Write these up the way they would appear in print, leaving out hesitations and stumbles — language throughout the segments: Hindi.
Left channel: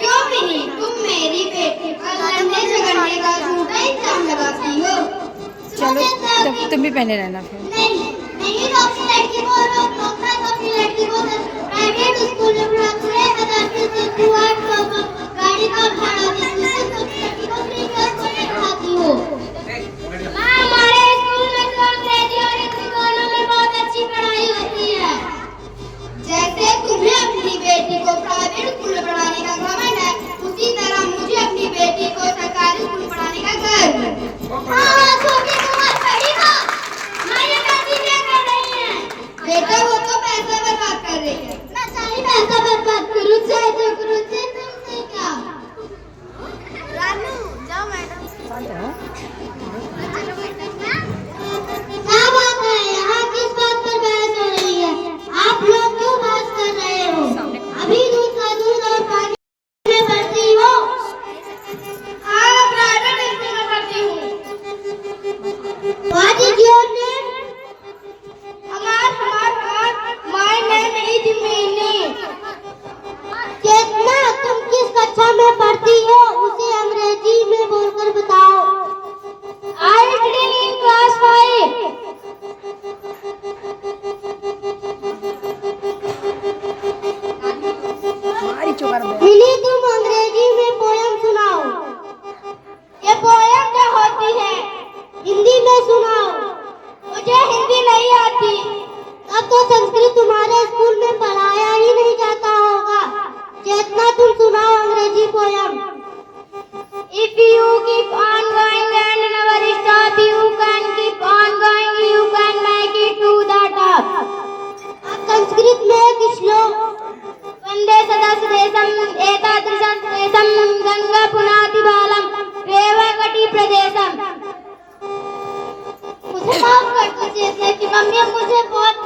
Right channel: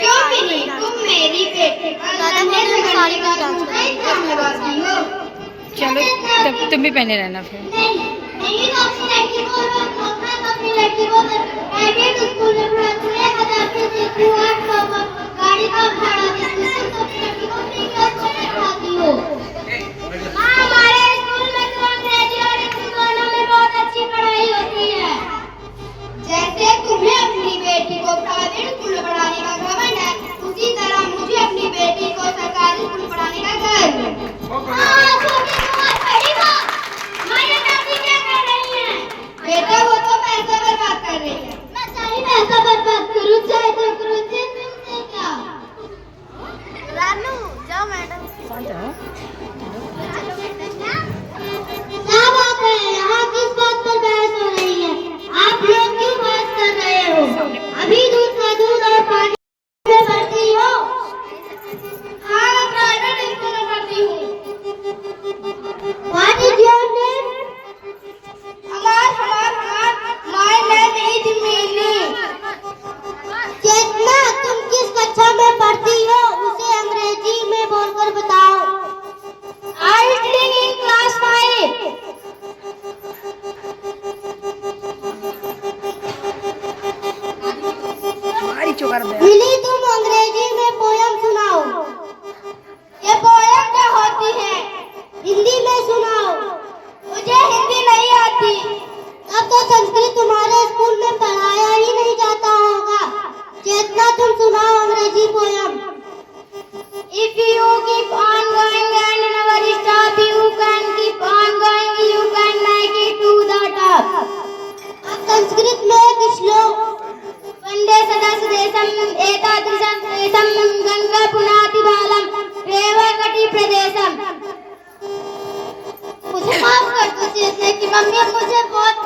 क्योंकि तुम मेरी बेटी का लड़ने झगड़ने का झूठा इल्जाम लगाती हो। चलो तब तुम भी पहने रहना फिर। नहीं तो अपनी लड़की को अपनी लड़की को प्राइवेट स्कूल में पढ़ाती है, 1000 फीस देती हो, 800 का गाड़ी का भाड़ा देती हो, तो अपनी लड़की को फ्री क्लास में पढ़ाती हो। हाँ, हमारे स्कूल में तो अंग्रेजी और हिंदी दोनों में बहुत अच्छी पढ़ाई होती है। जैसे तुम्हें अपनी बेटी को प्राइवेट स्कूल में पढ़ाने का घमंड है, उसी तरह मुझे अपनी बेटी को सरकारी स्कूल में पढ़ाने का गर्व है। बेटा वो तो पैसा बर्बाद कर रही है। मैं सारी पैसा बर्बाद करूँ चाहे जो करूँ, तुमसे क्या? रानू जाओ मैडम। क्या बात है, यहाँ किस बात पर बहस हो रही है? आप लोग क्यों बहस कर रहे हो? अभी दूध का दूध और पानी में पढ़ती हो? हाँ, प्राइवेट स्कूल में पढ़ती हूँ। What is your name? My name is Mini। चेतना, तुम किस कक्षा में पढ़ती हो? उसे अंग्रेजी में बोलकर बताओ। I reading in class 5। Mini, तुम अंग्रेजी में पोयम सुनाओ। ये पोयम क्या होती है? हिंदी में सुनाओ। मुझे हिंदी नहीं आती। अब तो संस्कृत तुम्हारे स्कूल में पढ़ाया ही नहीं जाता होगा। चेतना, तुम सुनाओ अंग्रेजी poem. If you keep on going and never stop, you can keep on going, you can make it to the top। अब संस्कृत में एक श्लोक, वंदे सदसदेशम एतादृशं देशं गंगा पुनाति बालम रेवकटि प्रदेशम। मुझे माफ कर दो जैसे कि मम्मी, मुझे बहुत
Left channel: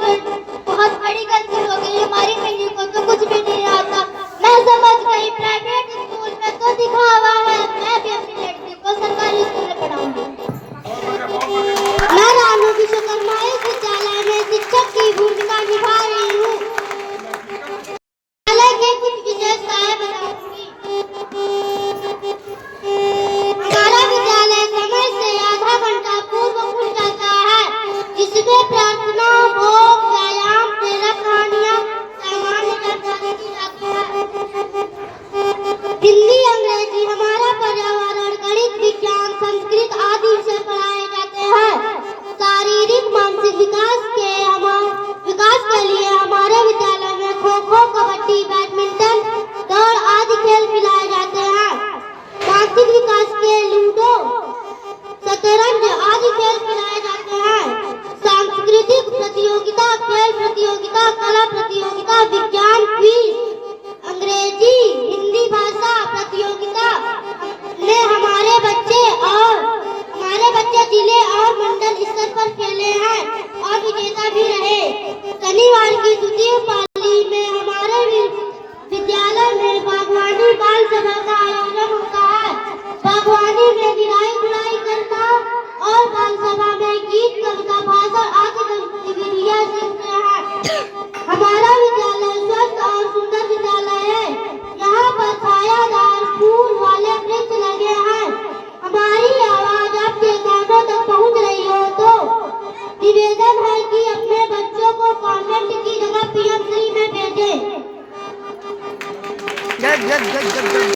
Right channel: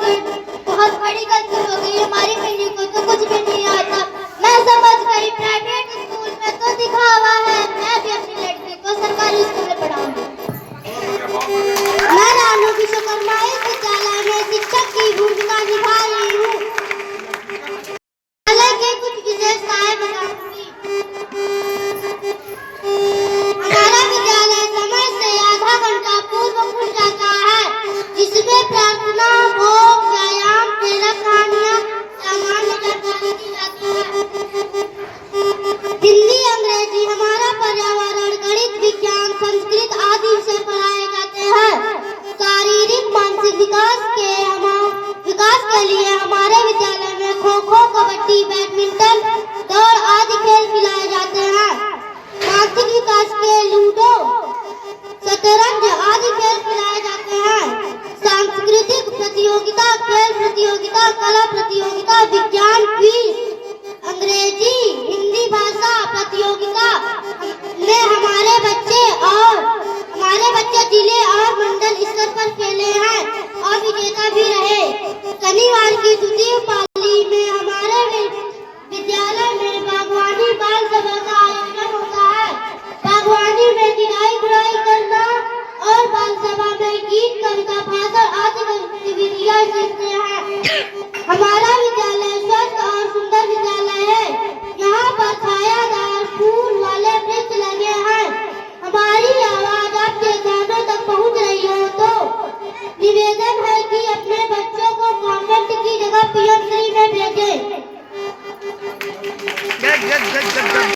बड़ी गलती हो गई। हमारी बहनी को तो कुछ भी नहीं आता। मैं समझ गई, प्राइवेट स्कूल में तो दिखावा है। मैं भी अपनी लड़की को सरकारी स्कूल में पढ़ाऊंगी। मैं रानू विश्वकर्मा इस विद्यालय में शिक्षक की भूमिका निभा रही हूँ। विद्यालय की कुछ विशेषताएं बताऊंगी। हमारा विद्यालय समय से आधा घंटा पूर्व खुल जाता है, जिसमें प्रार्थना, भोग, व्यायाम, प्रेरक कहानियां, सामान्य जानकारी दी जाती है। हिंदी, अंग्रेजी, हमारा पर्यावरण, गणित, विज्ञान, संस्कृत आदि से पढ़ाए जाते हैं। शारीरिक मानसिक विकास के लिए हमारे विद्यालय में खो-खो, कबड्डी, बैडमिंटन, दौड़ आदि खेल खिलाए जाते हैं। मानसिक विकास के लूडो, शतरंज आदि खेल खिलाए जाते हैं। सांस्कृतिक प्रतियोगिता, खेल प्रतियोगिता, कला प्रतियोगिता, विज्ञान क्विज, अंग्रेजी हिंदी भाषा प्रतियोगिता में हमारे बच्चे जिले और मंडल स्तर पर खेले हैं और विजेता भी रहे। शनिवार की द्वितीय पाली में हमारे विद्यालय में बागवानी बाल सभा का आयोजन होता है। बागवानी में निराई गुड़ाई करना और बाल सभा में गीत, कविता, भाषण आदि गतिविधियां सीखते हैं। हमारा विद्यालय स्वस्थ और सुंदर विद्यालय है। यहाँ पर छायादार फूल वाले वृक्ष लगे हैं। हमारी आवाज आपके कानों तक पहुँच रही हो तो निवेदन है कि अपने बच्चों को कॉन्वेंट की जगह पीएम श्री में भेजें।